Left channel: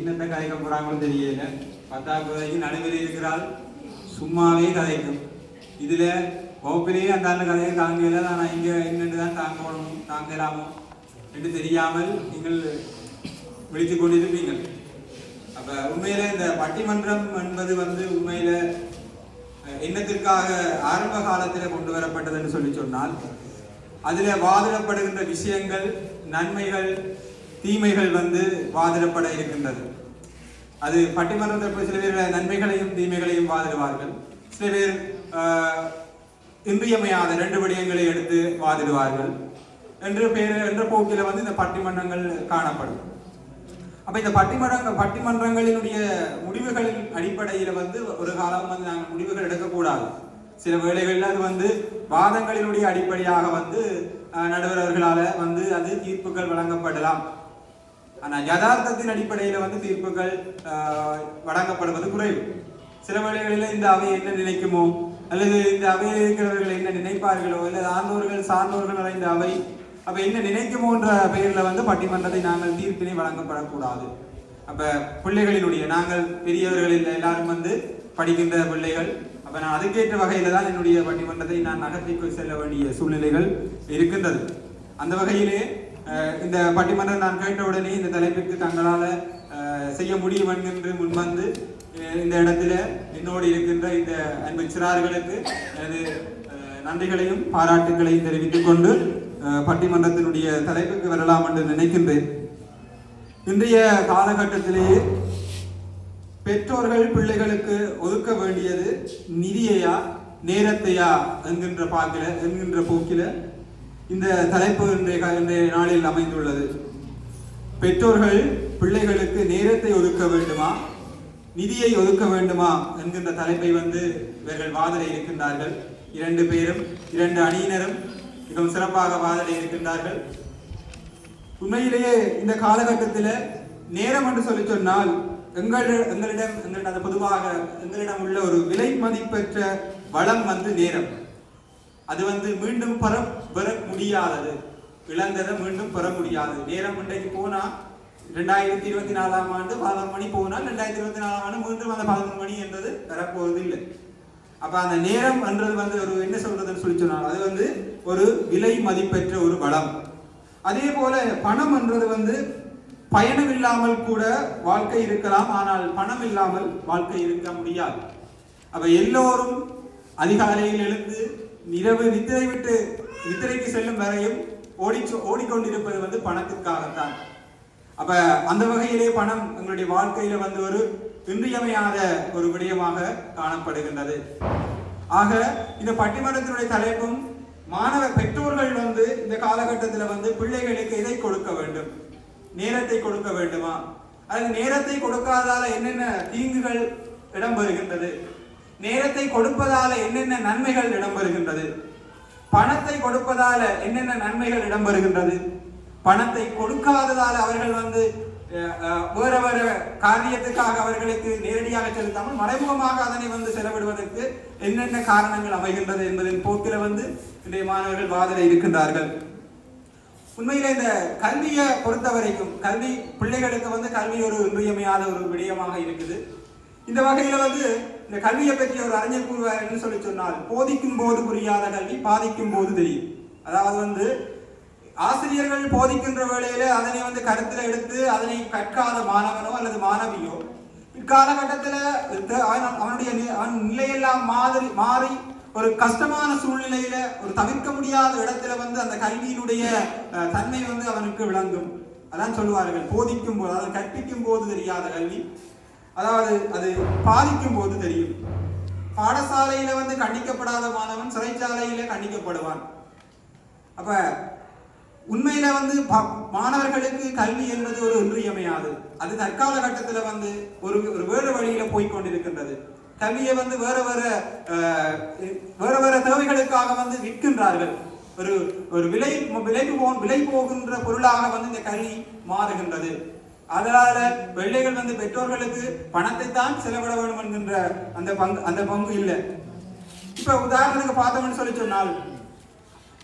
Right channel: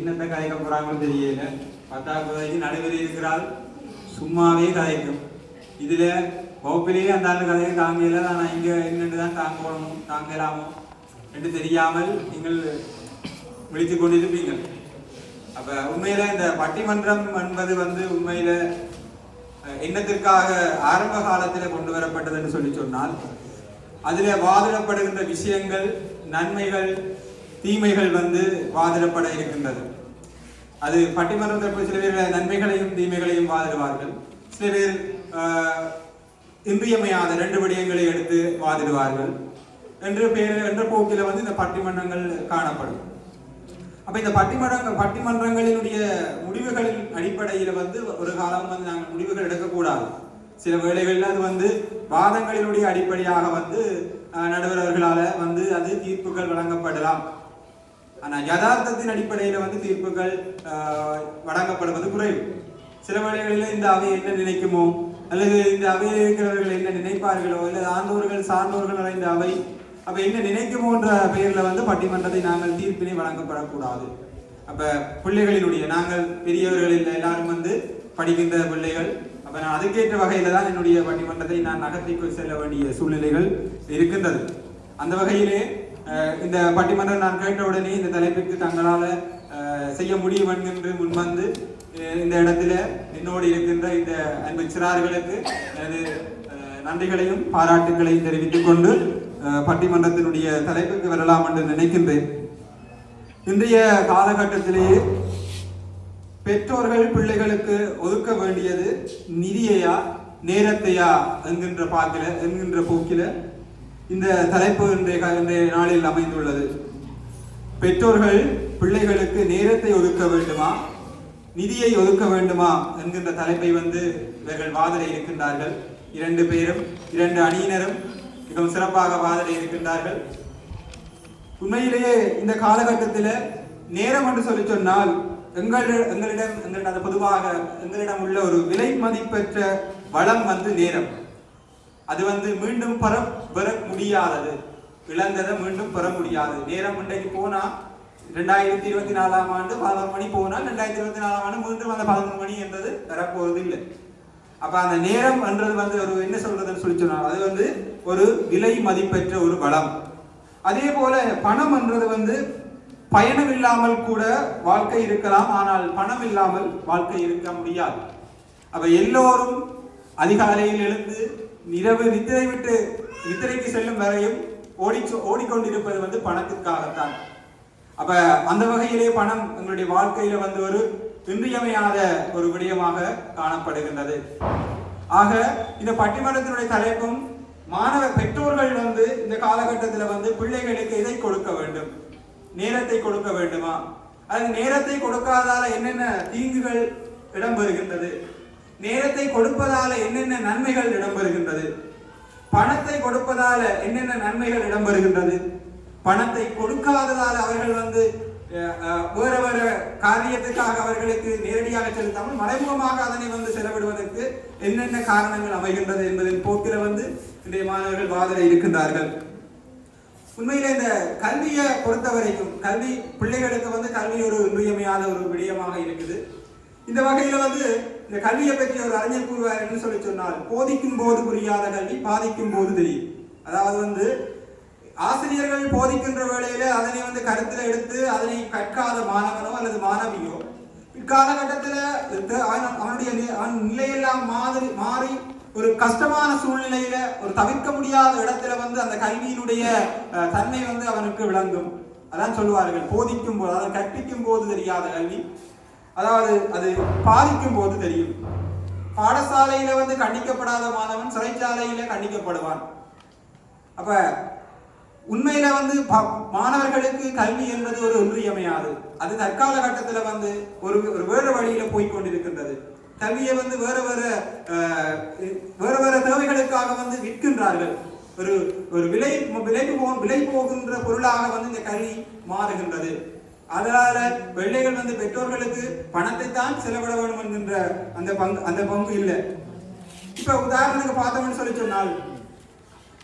என்னத்தை கதைக்க போறாங்கன்னு தெரியல. பத்தாவது நடுவில் இருக்கிறாள். சும்மாவே கதைக்கும். இதுல வகுப்பிலேயே அந்த ஆண்டு கதையை தாங்கல. நான் இங்க என்னென்று தான் தாங்கணும் தாங்கலாமோ? என்று தெரியாமல் நீங்கள் விழித்து கொண்டிருப்பீங்கள் அப்ப உண்மையில இந்த பட்டிமன்றம் என்பது வந்து உண்மையில என்னத்திற்காக ஆரம்ப காலத்தில் கொண்டு வரப்பட்டதுன்னு சொல்லி சொன்னால் அதில் வாதிடப்படுகின்ற விஷயங்கள் நன்மைகள் தீமைகள் வந்து வாதிடப்பட இருக்கின்றது. அது பட்டிமன்றத்தில் சில பேர் நன்மைகளையும் தீமைகளையும் வாதிடுவார்கள். சில பேர் இன்றியமையாத ரெண்டு விடயங்களை எடுத்து வாதிடுவார்கள். என்று பேர் என்ற போக்கில வந்து இந்த பட்டிமன்றங்கள் காணப்படும். அப்ப இந்த பட்டிமன்ற பட்டிமன்றங்களினுடைய முடிவுகளின் அடிப்படையில வந்து ஒரு காலம் வந்து நாங்கள் முடிவுகள் எடுக்கக்கூடாது. சில வேளைகளில் அது வந்து வாதங்களினுடைய அடிப்படையாக வந்து நடுவர்களால் நடுவரவர்களால வந்து அது தீர்ப்புகள் வழங்கப்படலாம். ஆனால் யதார்த்தத்தின் அடிப்படையில் வந்து தீர்ப்புகள் வழங்கப்படுவது குறைவு. சில வேளைகளில் இந்த அவை என்ன நினைக்குமோ அல்லது இந்த அவையில் இருக்கிறவர்கள் என்ன நினைப்பார்களோ இல்லை ஆண்டோர்கள் சார்ந்தோர்கள் நிறைந்த அவை அப்போ என்ன நினைக்குமோன்ற பெயரில் வந்து பட்டிமன்றத்தை நாங்கள் தீர்ப்பினை வழங்கப்படக்கூடாது. அப்போ பிள்ளைகளினுடைய நாங்கள் பெரியவர்கள் இல்லை எல்லாரும் வந்து படிக்கின்ற பிள்ளைகள் அப்போ நான் அதுக்கேற்ற வகையில் தான் என்னுடைய பட்டிமன்றத்தை நான் நகர்த்தி செல்ல வேண்டிய சூழ்நிலைகள் இருக்கின்றது. அந்த வகையிலே இந்த பட்டிமன்றம் நான் கேட்ட உடனே இந்த தலைப்பிற்கு தங்களால் செய்ய முடியும் என்கின்ற முன்வந்து இந்த இடத்துல என்னோடு இருக்கின்ற இந்த அன்பு சிறார்களுக்கு எனது நன்றிகளையும் பாராட்டுகளையும் தெரிவித்துக் கொண்டு பட்டிமன்றத்தினுடைய தலைப்புக்கு வரலாம் என்று நினைக்கின்றேன். இன்றைய காலகட்டத்திலேயே பெற்றோர்கள் பிள்ளைகளுக்கு ஒதுக்க வேண்டியது நிதியையா நேரத்தையா என்கின்ற பாக்கில என்கின்ற போக்கில இந்த தலைப்பு இன்றைய இன்றைய நாளில் அமைந்துள்ளது. பெற்றோர்கள் பிள்ளைகளுக்கு நேரத்தை ஒதுக்க வேண்டுமா? நிதியை ஒதுக்க வேண்டுமா? என்கின்ற தலைப்பை வந்து இவர்கள் வாதிட இருக்கின்றார்கள். இரண்டு பேரும் இரண்டு அணியினரும் மிகவும் சிறப்பாக வாதிட இருக்கின்றார்கள். உண்மையிலேயே இந்த காலகட்டத்தில் நேரம் என்று சொல்லி சொன்னால் எங்களிடம் எங்களிடம் எங்களிடம் பொதுவாக எங்களிடம் உள்ள ஒரு விலை மதிப்பெற்ற வளம் வந்து நேரம். அது வந்து மீண்டும் பெற பெற முடியாதது. இழந்ததை மீண்டும் பெற முடியாது. நேரம் இன்றைக்கு போனா ரெண்டாயிரத்தி இருபத்தி நாலாம் ஆண்டு பதினொரு மணி போனால் ரெண்டாயிரத்தி இருபத்தி நாலாம் ஆண்டு மீண்டும் அந்த பதினொரு மணி என்றது பெறப்போவது இல்லை அப்ப அந்த நேரம் என்றது வந்து ஒரு என்ன சொல்றதுன்னு சொல்லி சொன்னால் அது வந்து ஒரு விலை மதிப்பெற்ற ஒரு வளம். அதே போல பணம் என்றது வந்து பயணம் இல்லாமல் கூட வாழ்க்கை இருக்கலாம் ஆனால் பணம் இல்லாமல் வாழ்க்கை இருக்க முடியாது. அப்ப எல்லோரும் அதிகாலையில் எழுந்து இரவு நித்திரை விட்டு நித்திரைக்கு செல்லும் வரையும் ஓடி ஓடிக்கொண்டிருப்பது வந்து பணத்திற்காகத்தான். அப்ப அந்த வகையிலே பணம் எங்களுடைய வாழ்க்கையில வந்து ஒரு இன்றியமையாத ஒரு விடயமாக காணப்படுகின்றது. ஆக இந்த பட்டிமன்றத்தினுடைய தலைப்பும் மாணவ பெற்றோர்கள் வந்து இந்த காலகட்டத்தில் வந்து பிள்ளைகளுக்கு எதை கொடுக்க வேண்டும்? நேரத்தை கொடுக்க வேண்டுமா? அல்லது நேரத்தை கொடுக்காதால என்னென்ன தீங்குகள் இடம்பெறுகின்றது? நேரத்தை கொடுப்பதால என்னென்ன நன்மைகள் இடம்பெறுகின்றது? பணத்தை கொடுப்பதால என்னென்ன நன்மைகள் இடம்பெறுகின்றது? பணத்தை கொடுக்காததால அவர்கள் வந்து வேற வேற காரியத்துக்காக அவர்களுக்கு நேரடியாக செலுத்தாமல் மறைமுகமாக அதனை வந்து செலவிடுவதற்கு என்னென்ன காரணங்கள் அமைகின்றது என்பதின் போக்கில வந்து இன்றைய மாணவர்கள் வாதிட இருக்கின்றார்கள். உண்மையில இந்த கல்வியை பொறுத்த வரைக்கும் கல்வி பிள்ளைகளுக்கு வந்து கல்வி ஒரு இன்றியமையாத ஒரு விடயமாக இருக்குது. இந்த வகையில வந்து இந்த கல்வியை பற்றி ஒரு அறிஞர் கூறுவார் என்று சொல்லி சொன்னால் போதிக்கும் போது புரியாத கல்வி பாதிக்கும் போது தெரியும் அதாவது வந்து ஆசிரியர்கள் போதிக்கின்ற வேளையில அதனை வந்து கருத்தில் எடுத்து அதனை கற்காத மாணவனோ அல்லது மாணவியோ இக்காலகட்டத்தில் அவனுடைய அவன் நிலையெல்லாம் மாதிரி மாறி ஒரு கஷ்டமான சூழ்நிலையில ஒரு தவிர்க்க முடியாத இடத்துல வந்து அந்த கல்வியினுடைய தன்மை வந்து அவனுக்கு விளங்கும். அதான் சொல்லுவார்கள் போதிக்கும் போது அதாவது கற்பிக்கும் போது தெரியாத கல்வி. அதாவது அது பாதிக்கும் போது தெரியும். பாடசாலையில வந்து கண்டிக்கப்படாத மாணவன் சிறைச்சாலையில கண்டிக்கப்படுவான். அப்ப உண்மையில வந்து ப- மாணவர்களுக்கு கல்வி என்பது ஒரு இன்றியமையாது அது தற்கால கட்டத்துல வந்து ஒரு ஒரு வேறு வழியில போய்கொண்டிருக்கின்றது கல்வியை வந்து வேற வேற வேற வேற தேவைகளுக்காக வந்து விற்கின்றார்கள். ஒரு ஒரு விலை விலை போகும் விலை போகின்ற பொருளாக வந்து இந்த கல்வி மாறுகின்றது. அதனால பிள்ளைகள் வந்து பெற்றோர்களுக்கு பணத்தை தான் செலவிட வேண்டும் என்கின்ற அந்த பங்கு அந்த பங்கு இல்லை. இப்ப உதாரணத்துக்கு பார்த்தோம்னு சொல்லி சொன்னால்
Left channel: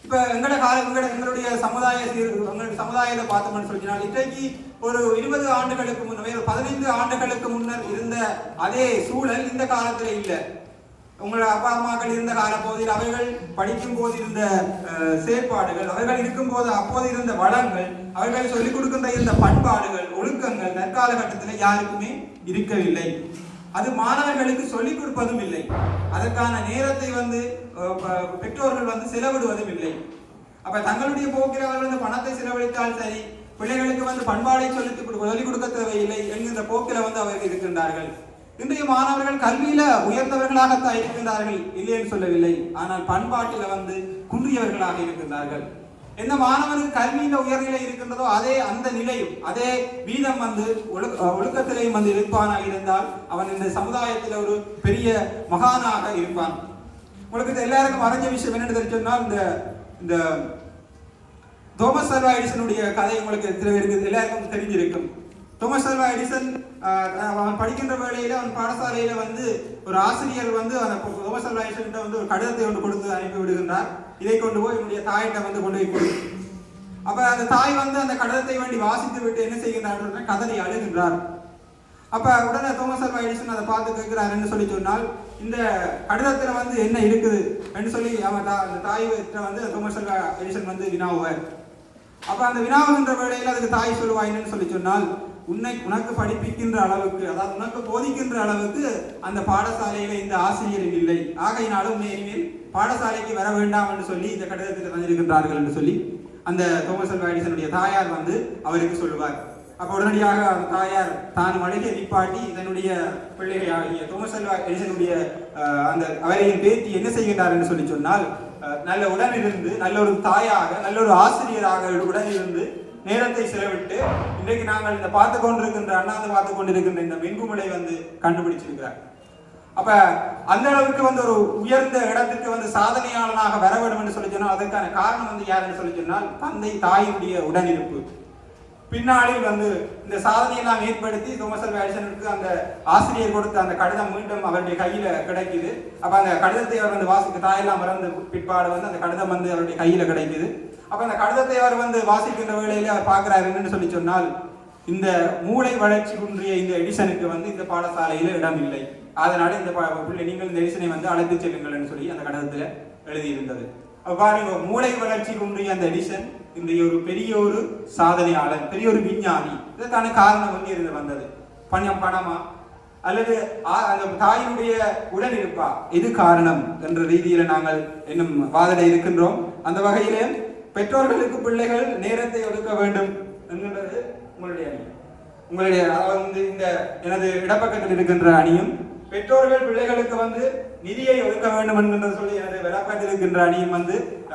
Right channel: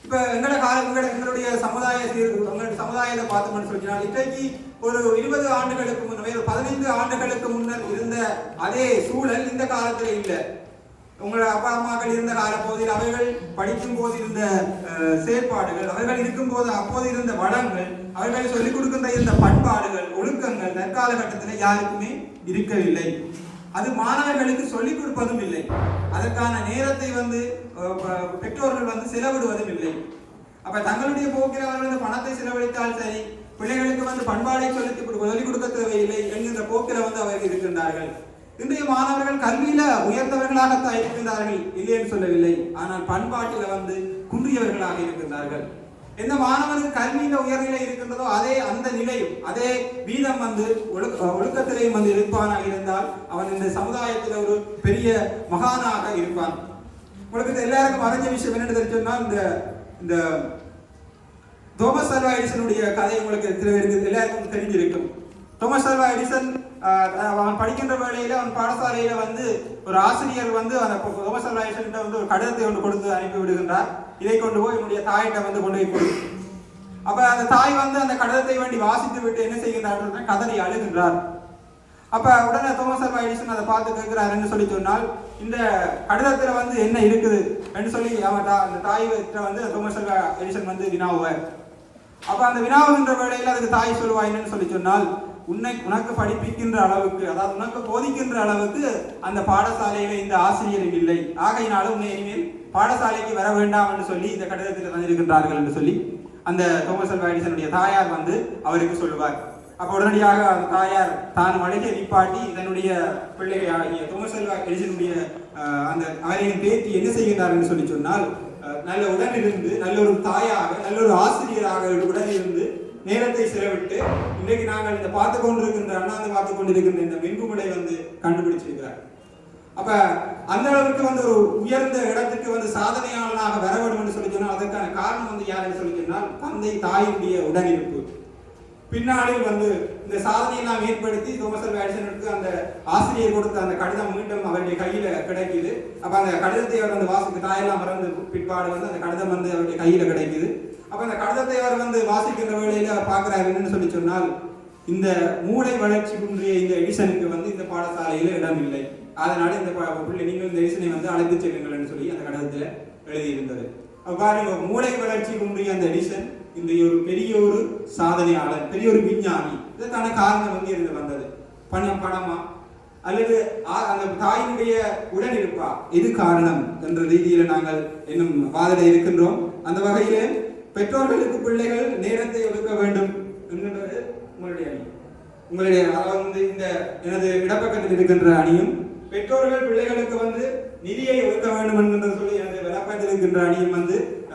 இப்ப எங்களோட கால எங்களுடைய சமுதாய எங்களுடைய சமுதாயத்தை பார்த்தோம்னு சொன்னால் இன்றைக்கு ஒரு இருபது ஆண்டுகளுக்கு முன்னர் பதினைந்து ஆண்டுகளுக்கு முன்னர் இருந்த அதே சூழல் இந்த காலத்துல இல்லை. உங்களோட அப்பா அம்மாக்கள் இருந்த கால பகுதியில் அவர்கள் படிக்கும் போது இருந்த செயற்பாடுகள் அவர்கள் இருக்கும் போது அப்போது இருந்த வளங்கள் அவர்கள் சொல்லிக் கொடுக்கின்ற இருந்த பண்பாடுகள் ஒழுக்கங்கள் தற்காலகட்டத்தில் யாருக்குமே இருக்கவில்லை. அது மாணவர்களுக்கு சொல்லிக் கொடுப்பதும் இல்லை. அதற்கான நேரத்தை வந்து பெற்றோர்கள் வந்து செலவிடுவதும் இல்லை. அப்ப தங்களுடைய போக்கில் அவர்கள் வந்து பணத்தை செலவழித்தால் சரி பிள்ளைகளுக்கு வந்து பண்பாடை சொல்லி சொல்லிக் கொடுக்க தேவையில்லை என்கின்ற போக்கில வந்து அவர்கள் இருக்கின்றார்கள். இன்றைய மாணவர்கள் கல்வியில உயர்ந்தவர்களாகத்தான் இருக்கின்றார்கள். இல்லைன்னு சொல்லவில்லை. ஆனால் பண்பாட்டில வந்து குன்றியவர்களாக இருக்கின்றார்கள். எந்த மாணவனுக்கு கல்வியில உயர்நிலை இருக்கின்றதோ அதே அந்த நிலையும் அதே வீதம் வந்து ஒழுக்கத்திலையும் வந்து இருப்பானாக இருந்தால் அவன் இந்த சமுதாயத்தில் ஒரு பெரிய மகானாக இருப்பான். உங்களுக்கு எல்லாருக்கும் மறைஞ்ச விஷயம் என்னென்னு தெரிஞ்சு சொன்னால் இந்த இந்த தோமஸ் அல்வா எடிசனுடைய கதை உங்களுக்கு சில பேருக்கு எல்லாருக்கும் தெரிஞ்சிருக்கும். தோமஸ் அல்வா எடிசன் அவன் படிக்கின்ற வேளையில அவன் பாடசாலையில வந்து ஒரு ஆசிரியர் வந்து அந்த பொ- தோமஸ் வந்து ஒரு கடிதத்தை ஒன்று கொடுத்து அனுப்பி விடுகின்றார். இதை கொண்டு போய் என்னுடைய தாயிட்ட வந்து கொண்டு போய் கொடு. அப்ப அந்த தாய் வந்து அந்த கடிதத்தை வேண்டி வாசித்து விட்டு என்ன செய்கின்றார் என்றால் கதறி அழுகின்றார். அப்ப உடனே தோமஸ் அல்வா எடிசன் அதை பார்த்து கேட்கிறாருன்னு சொல்லி சொன்னால் இந்த கடிதத்துல வந்து என்ன இருக்குது என்று சொல்லி அவன் தா- அந்த தாய் கிட்ட வந்து தோமஸ் அல்வா எடிசன் வந்து வினாவுவார். அப்ப அந்த வினாவுகின்ற வேளையில் அதுக்கு தாய் சொல்லுவா என்னன்னு சொல்லி சொன்னால் உன்னை உனக்கு படிப்பிக்கின்ற அளவுக்கு அதாவது உனக்கு போதிக்கின்ற அளவுக்கு அந்த பாடசாலையில இந்த ஆசிரியர் இல்லை. ஆகையினாலும் உன்னை இனிமேல் பாடசாலைக்கு வர வேண்டாம் என்று சொல்லி இந்த கடிதத்தில் தந்திருக்கின்றார்கள் என்று சொல்லி அந்த தோமஸ் அல்வா எடிசனுடைய தாயார் வந்து அவருக்கு சொல்லுவார். அப்ப உடனடியாக அந்த தாயார் தான் அழகிய நிப்பாட்டி தன்னுடைய பிள்ளையாகிய தோமஸ் அல்வா எடிசனுடைய அந்த அவரையும் பேத்தி என்ன செய்கின்றார் என்று சொல்லி சொன்னால் நல்ல உடனிருந்து நல்ல ஒரு தாயாக நல்ல ஒரு ஆசிரியராக உடனிருந்து நேரத்தை செலவிட்டு இன்றைக்கு நாங்கள் இந்த பார்த்து கொண்டிருக்கின்ற அண்ணாந்து பார்த்து கொண்டிருக்கின்ற இந்த மின்குமலை வந்து கண்டுபிடிச்சிருக்கிறார். அப்ப அந்த அளவுக்கு வந்து ஒரு உயர்ந்த இடத்துக்கு வந்து சாதனையாளனாக வர வேண்டும் என்று சொல்லி சொன்னால் அதற்கான காரணம் வந்து யாருன்னு சொல்லி சொன்னால் தந்தை தாயினுடைய உடனிருப்பு. பின்னாளில் வந்து இந்த சாதனையெல்லாம் ஏற்படுத்தி தோமஸ் அல்வா எடிசனுக்கு அந்த ஆசிரியர் கொடுத்த அந்த கடிதம் மீண்டும் அவருடைய கையில கிடைக்குது. அப்ப அந்த கடிதத்தை அவர் வந்து வாசிக்க தாயெல்லாம் மறந்து பிற்பாடு வந்து அந்த கடிதம் வந்து அவருடைய கையில கிடைக்குது. அப்ப அந்த கடிதத்தை அவர் வந்து வாசிக்கின்ற வேளையில அவர் பார்க்கிறார் என்னன்னு சொல்லி சொன்னால் இந்த மூளை வளர்ச்சி குன்றிய இந்த எடிசனுக்கு வந்து இந்த பாடசாலையில இடம் இல்லை. அதனால இந்த பிள்ளை நீங்கள் இந்த எடிசனை வந்து அழைத்து செல்லுங்கள்னு சொல்லி அந்த கடிதத்துல எழுதியிருந்தது. அப்ப பாருங்க மூளை வளர்ச்சி குன்றிய அந்த எடிசன் இந்த ஒரு பெரிய ஒரு சாதனையாளர் பெரிய ஒரு விஞ்ஞானி. இதற்கான காரணம் வந்து இருந்து வந்தது. பணம் பணமா? அல்லது ஆ- அந்த தாயினுடைய உடன் இருப்பா இது காரணம் என்ற ரீதியில நாங்கள் இன்னும் வாதல இருக்கின்றோம். அந்த வகையில பெற்றோர்களுக்கு பிள்ளைகள் நேரத்தை ஒதுக்க வேண்டும் என்கின்றது உங்களுடைய அணி. உங்களுடைய வந்து இந்த எனது இடப்பக்கத்தில் இருக்கின்ற அணியும் பெற்றோர்கள் பிள்ளைகளுக்கு வந்து நிதியை ஒதுக்க வேண்டும் என்கின்றது சொல்லி எனது விளக்கத்தில் இருக்கின்ற அணியும் வந்து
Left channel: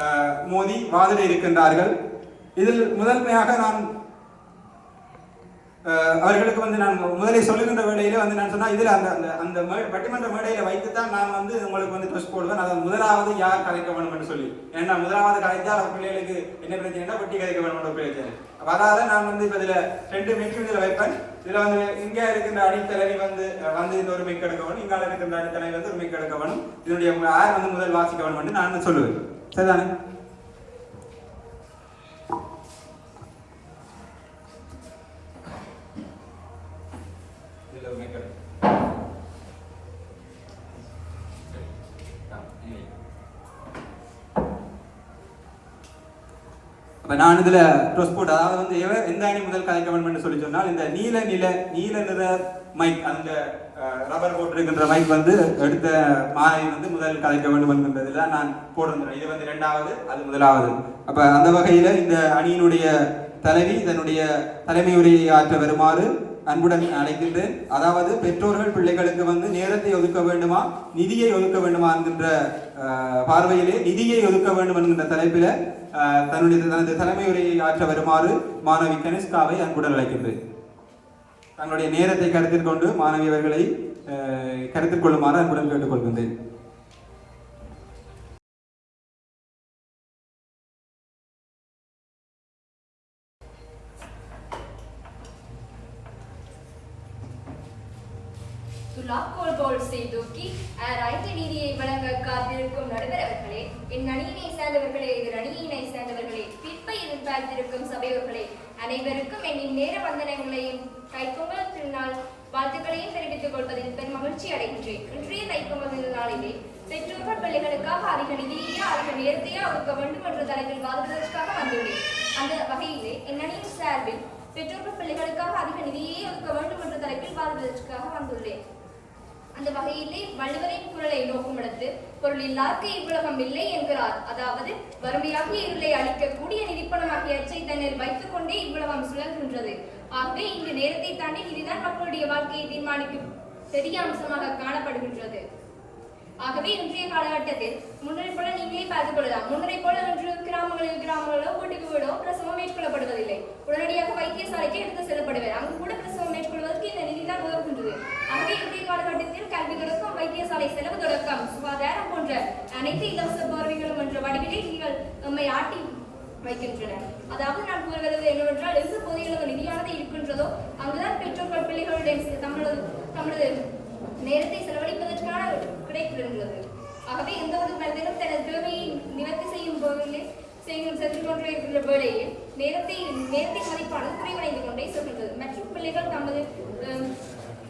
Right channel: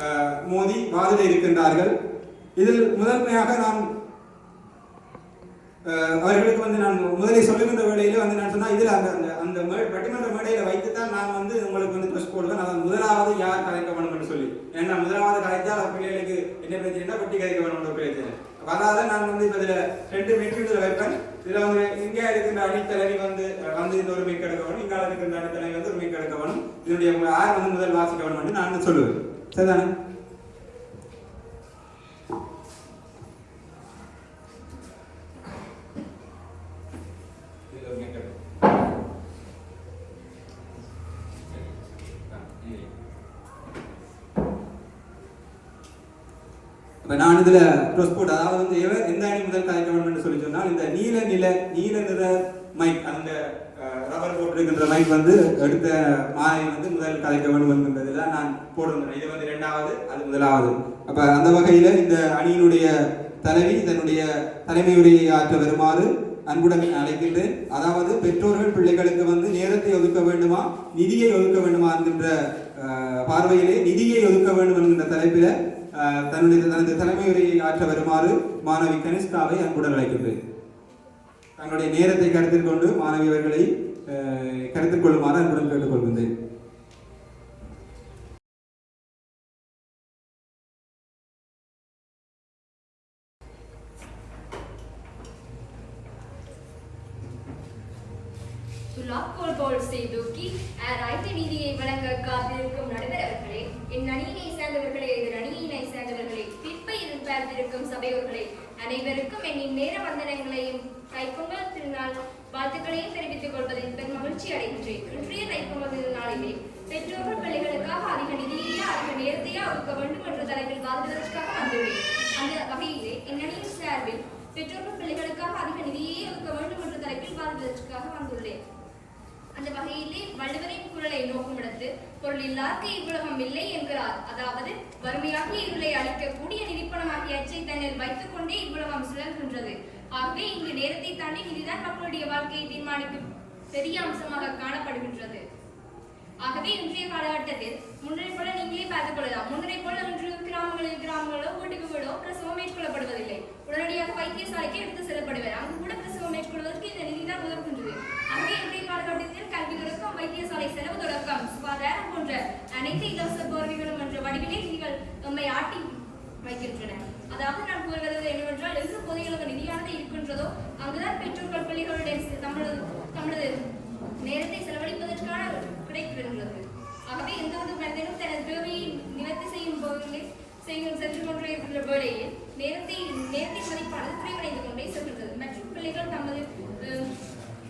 மோதி வாதிட இருக்கின்றார்கள். இதில் முதன்மையாக நான் அவர்களுக்கு வந்து நான் முதலில் சொல்லுகின்ற வேளையில வந்து நான் சொன்னா இதுல அந்த அந்த பட்டிமன்ற மேடையில வைத்து தான் நான் வந்து உங்களுக்கு வந்து ட்ரெஸ் போடுவேன். அதாவது முதலாவது யார் கலைக்க வேணும் என்று சொல்லி. ஏன்னா முதலாவது கலைத்தால் அந்த பிள்ளைகளுக்கு என்ன பிரச்சனைனா பட்டி கலைக்க வேணும் என்ற பிரச்சனை. நான் வந்து இப்ப இதுல ரெண்டு மெட்டீரியல் வைப்பேன். இதுல வந்து இங்க இருக்கின்ற அணித்தலைவி வந்து வந்து இந்த ஒரு மெக் எடுக்க வேணும். இங்கால இருக்கின்ற அணித்தலைவி வந்து ஒரு மெக் எடுக்க வேணும். இதனுடைய யார் வந்து முதல் வாசிக்க வேணும் என்று நான் சொல்லுவேன். சரிதானே இதுல ஒரு mic எடு. ஆ, இங்க வை. இப்போ நான் இதில் ட்ரெஸ் போட்டு அதாவது வந்து எவர் எந்த அணி முதல் கதைக்க வேண்டும் சொல்லி சொன்னால் இந்த நீல நில நீல நிற மைக் அந்த ரப்பர் போட்டிருக்கின்ற மைக் வந்து எடுத்த மாலை வந்து முதல் கதைக்க வேண்டும் என்கின்றது தான் நான் போட்டிருந்தேன். இது வந்து ரெண்டாவது அது முதலாவது. அப்போ அந்த வகையில் இந்த அணியினுடைய தலைவி தன்னுடைய தலைமையுடைய ஆற்ற வருமாறு அன்புடன் அழைக்கின்றேன். அதாவது பெற்றோர்கள் பிள்ளைகளுக்கு வந்து நேரத்தை ஒதுக்க வேண்டுமா நிதியை ஒதுக்க வேண்டுமா என்கின்ற பார்வையிலே நிதியை ஒதுக்க வேண்டும் என்கின்ற தலைப்பில தன்னுடைய தனது தலைமையுரையை ஆற்ற வருமாறு மாணவி கனிஷ்காவை அன்புடன் அழைக்கின்றேன். தங்களுடைய நேரத்தை கருத்தில் கொண்டு மாணவி அவர்களை கருத்தில் கொள்ளுமாறு அன்புடன் கேட்டுக்கொள்கின்றேன். துலாக்கோல் போல் செய்தூக்கி ரைட்டு நீதியை வழங்க காத்திருக்கும் நடுவர் அவர்களே என் அணியினை சேர்ந்தவர்களே எதிர் அணியினை சேர்ந்தவர்களே தீர்ப்பை எதிர்பார்த்திருக்கும் சபையோர்களே அனைவருக்கும் என் நேர வந்தனங்களையும் தைப்பொங்கல் திருநாள் வாழ்த்துக்களையும் தெரிவித்துக் கொள்வதில் பெரும் மகிழ்ச்சி அடைகின்றேன். இன்றைய தைப்பொங்கல் திருநாளிலே பெற்றோர்கள் பிள்ளைகளுக்காக அதிக நிதியையே அதிக நேரத்தையே ஒதுக்க வேண்டும் என்ற தலைப்பில் வாதிடுவதற்காக வந்துள்ளேன். அந்த வகையிலே என் அணியின் சார்பில் பெற்றோர்கள் பிள்ளைகளுக்காக அதிக நிதியை ஒதுக்க வேண்டும் என்ற தலைப்பில் வாதிடுவதற்காக வந்துள்ளேன். அந்த வகையிலே வள்ளுவரின் குரலை நோக்குமிடத்து பொருள் இல்லார்க்கு இவ்வுலகம் இல்லை என்கிறார். அதாவது வறுமையாகிய இருளை அளிக்கக்கூடிய நிதிப்பணமாகிய அச்சை தன்னில் வைத்துக் கொண்டே இவ்வுலகம் சுழல்கின்றது. ஆகவே இங்கு நேரத்தை தாண்டி இதுதான் மக்களுடைய வாழ்க்கையை தீர்மானிக்கும் பெரிய அம்சமாக காணப்படுகின்றது. ஆகவே இன்றைய காலகட்டத்தில் முன்னரை போல நீங்களே பார்த்துக் கொள்ளலாம். முன்னரை போல இன்று கிராமங்களில் கிராமங்களோ வீட்டுக்கு வீடோ பிரசவம் மேற்கொள்ளப்படுவதில்லை. உடனடியாக வைத்தியசாலைக்கு எடுத்து செல்லப்படுவது அங்கு கூட பிரசவம் மேற்கொள்வதற்கு இந்த நிதி தான் உதவுகின்றது. ஆகவே இன்றைய காலகட்டத்தில் கல்வி தொடக்கம் வைத்தியசாலை செலவு தொடக்கம் சுகாதாரம் போன்ற அனைத்து இலவச பார்வைகளும் என்ற வடிவிலே நீங்கள் நம்மை ஆட்டி வைக்கின்றன. அதாவது நான் கூறுவது என்னவென்றால் எந்த பகுதிகளுக்கு நிதியானது இருக்கின்றதோ அங்குதான் பெற்றோர்கள் பிள்ளைகளுடைய தமிழது தமிழது நேரத்தை கிடைக்கின்றது ஆகவே எந்த ஒரு மனிதனும் தனது தேவையை நிவர்த்தி செய்யும் போதிலே செய்யும் சென்று கொண்டே இருக்கின்ற வேளையில் நேரத்தை நேரத்தை மதிப்பானது குறைவடைந்து கொண்டே செல்கின்றது மற்றும் பிள்ளைகள் தமது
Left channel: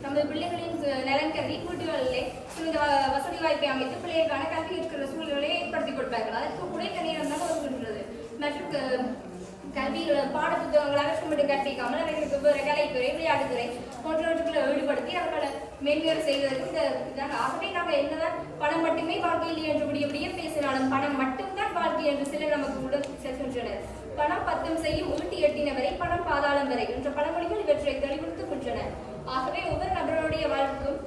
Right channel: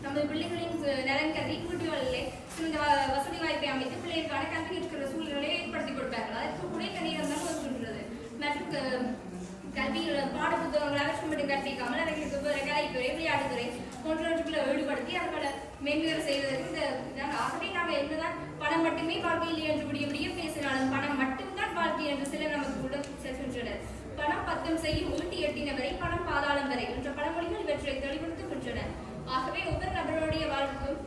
நமது பிள்ளைகளின் நலன் கருதி வீடுகளிலே சிறந்த வ- வசதி வாய்ப்பை அமைத்து பிள்ளைகளுக்கான கல்வி இருக்கிற சூழ்நிலையை ஏற்படுத்தி கொடுப்பார்கள். அதற்கு கூட இந்த நேரம் தான் மற்றும் கல்வியில் கல்வி பாட புத்தகங்கள் அலட்சியமிட்டு கற்பிக்காமல் அவர்களுக்கு கலைத்துறை விளையாட்டுத்துறை போன்றவற்றுக்குள்ள ஈடுபடுத்தி அவர்களை மேன்மேறு செய்வதற்கு இந்த இதான் ஆகவே நாங்கள் என்னதான் பணம் மட்டுமே வாழ்க்கையில் என்று முடிய முடிய பேசினாலும் பணம் மட்டும்தான் வாழ்க்கை என்று சிலர் நமக்கு உள்ள செல்கின்றனர். பணம் பத்தம் செய்யும் ஈட்டி எட்டினவரை பணம் பாதாளம் வரை என்ற பழமொழிகள் இவற்றை தெளிவுறுத்துகின்றன ஆகவே ஒவ்வொரு நபருடைய வாழ்க்கும்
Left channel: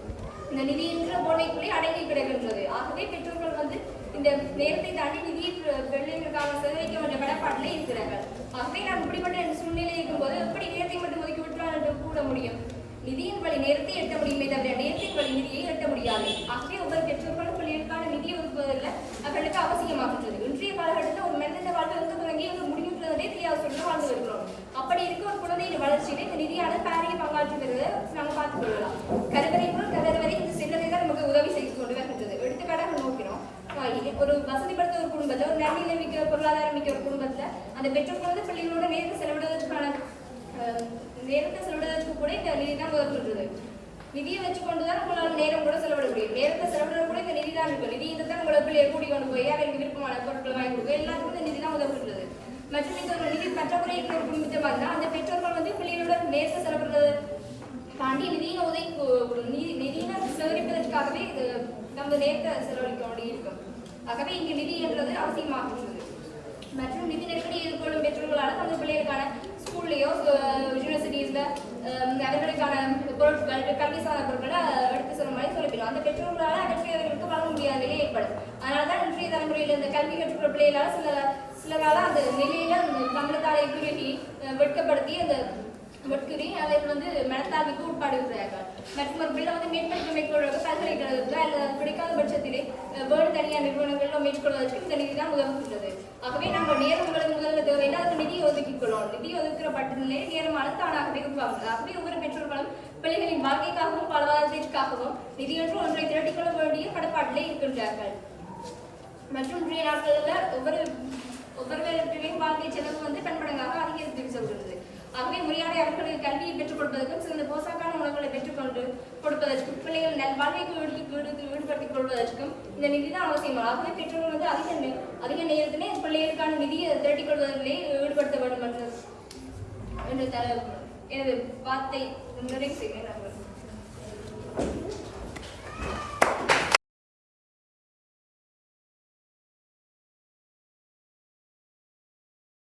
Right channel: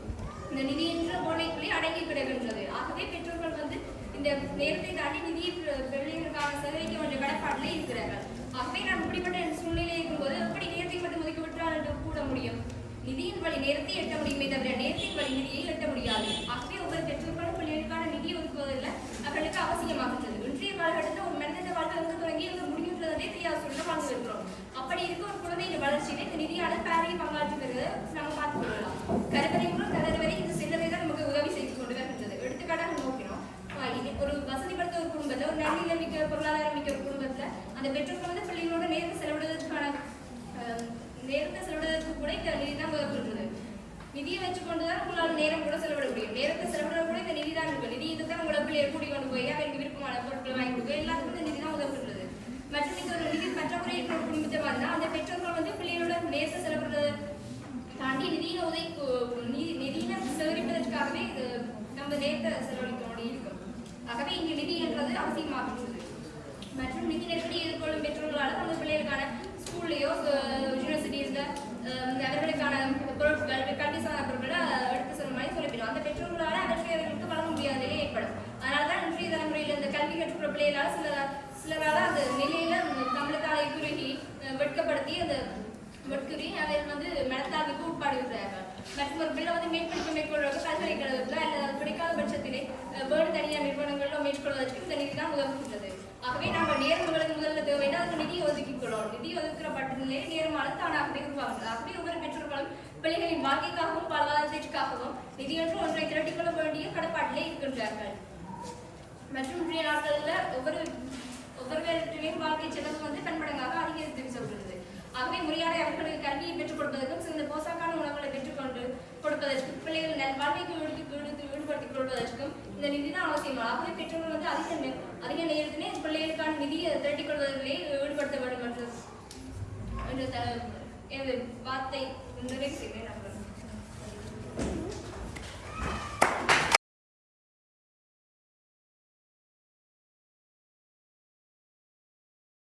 இந்த நிதி என்ற போனைக்குள்ளே அடங்கி கிடக்கின்றது. ஆகவே பெற்றோர்கள் வந்து இந்த நேரத்தை தாண்டி நிதியை பிள்ளைகளுக்காக செலவழிக்க வேண்டிய கடப்பாட்டிலே இருக்கிறார்கள். ஆகவே நான் இப்படிப்பட்ட சூழ்நிலை இருக்கும்போது எப்படி நேரத்தை மட்டும் ஒதுக்கி விட்டால் என்று கூட முடியும்? நிதியின் வழி நேரத்தை எட்ட முடியுமே தவிர நேரத்தின் வழி நிதியை எட்ட முடியாது. ஆகவே ஒவ்வொரு பெற்றோர்களும் பிள்ளைகளுக்கான நிதியை ஒதுக்குவதில் அவர்களுக்கு அவசியமாகின்றது. இன்றைய காலகட்டத்தில் ஒரு மனிதன வாழ்க்கை எங்கு தொடங்கி வந்து முடிவுன்றதே தெரியாத சூழ்நிலை வாழ்ந்து வருகிறோம். அப்படி இருக்க ஒரு குழந்தையின் வளர்ச்சியில இந்த நிதியான பேரையை பங்காற்றுகிறத நம்ம பார்த்துக் கொள்ளலாம். கருவறை முதல் கருவறை இந்த சில்லறை தான் நமக்கு உதவி செய்து கொண்டு வருகின்றது. எடுத்துக்காட்டாக நோக்கினோம் ஒரு வசதிப்படுத்த ஒரு குடும்பத்துல ஒரு நன்னிலை மிக்க பொருளாதாரம் மிக்க ஒரு அந்த பெற்றோர்கள் வந்து பிள்ளைகளோட நேரத்தை செலவிடுவதற்கான நேரத்தை செலவிடுவதற்கு கூட இந்த நிதி தான் உதவுகின்றது நிதியை வச்சுக்கொண்டு தான் உங்களால் நேரம் கூட செலவிட முடியும். நேரத்தை செலவிட கூட இந்த நிதி தான் இருக்கும் நிதி தான் உங்களை பிள்ளையை கூட்டி கொண்டு போய் அவருக்கு விருப்பமான பொருட்களை வாங்கி கொடுக்க எல்லாத்துக்கும் இந்த நிதி தான் உதவுகின்றது மற்றும் இந்த ஒரு நிதி பற்றாக்குறை இருக்கிற ஒரு குடும்பத்தை பார்த்தா அந்த பெற்றோர்கள் வந்து பிள்ளைகளோட நேரத்தை செலவிடுறது தாண்டி நிதியின உதவி கு- நிதி நிதியின சேகரிப்பதற்காகவே இது நம்ம நேரத்தை செலவழிக்க வேண்டியிருக்கும். ஆகவே இங்கு நிதி என்றது அவசியமாகின்றது மற்றும் நிதி நெருக்கடி எதிர்கொள்ளும் பெற்றோர்களால் தமது பிள்ளைகளுக்கான ஸ்கூல்லையோ யூனிவர்சிட்டிஸ்ல அவர்களுக்கான பொருட்கள் கல்வி சார்ந்த பொருட்களை எடுத்து செல்லும் வரை சொல்லிவிடும் அந்த பெற்றோர்களால் அவர்களுக்கு வழங்க முடியாத நிலை ஏற்படும் அதனால தான் இன்றைய தலைமுறையில் இந்த கல்வி கற்றுக்கிற பிள்ளைகளால் சில சிலரால் அந்த நிலையில தமிழத்தாலை குறுகி வெட்கப்படுத்தி அந்த வெட்குறி அதை வந்து மனத்தாவிக்கு உட்பாடுகிறார்கள் மற்றும் ஒரு பிள்ளை வந்து மேற்படிப்பு மேற்கொள்வது பல்கலைக்கழகத்தில் அல்லது அது பிடிக்காத பட்சத்திலே வேறு தனியார் நிறுவனங்களிலும் மேற்கொள்வதற்கு இந்த நிதி தான் உதவுகின்றது ஆகவே நம்ம நேரம் உங்களுக்கு முதல்ல தேவைன்னா அதுக்கு நிதி ஒதுக்கிக் கொள்ளணும். நிதி ஒதுக்கிற பட்டியலே நேரமானது தானாகவே உருவாகுது ஆகவே ஒவ்வொரு பெற்றோர்களும் பிள்ளைகளின் வாழ்க்கைக்காகவும் வாழ்வாதாரத்திற்காகவும் நிதியன்று ஒன்றை திரட்டிக்கொள்ள வேண்டிய கடப்பாட்டிலே இருக்கின்றார்கள். மற்றும் இன்றைய நாட்களில் ஒவ்வொரு ஒவ்வொருவரின் வாழ்க்கை செலவு வந்து பன்மடங்காக அதிகரித்து சொல்கிறது. ஆகவே முறையான அவர்களுக்கு கல்வியை கொடுப்பதற்கும் பிள்ளைகள் நல் வாழ்க்கைக்கு ஈடு- ஈடுபடுத்திக் கொள்வதற்கும் இந்த நிதி தான் அவசியம் ஆகவே பெற்றோர்கள் வந்து அதிக அதிக நேரத்திலே பிள்ளைகளுக்கான நிதியை திரட்டிக் கொள்வதிலே ஈடுபடுத்த வேண்டும் என்று என்று த- எனது வார்த்தை நிறைவு செய்கிறேன். நண்பர்கள்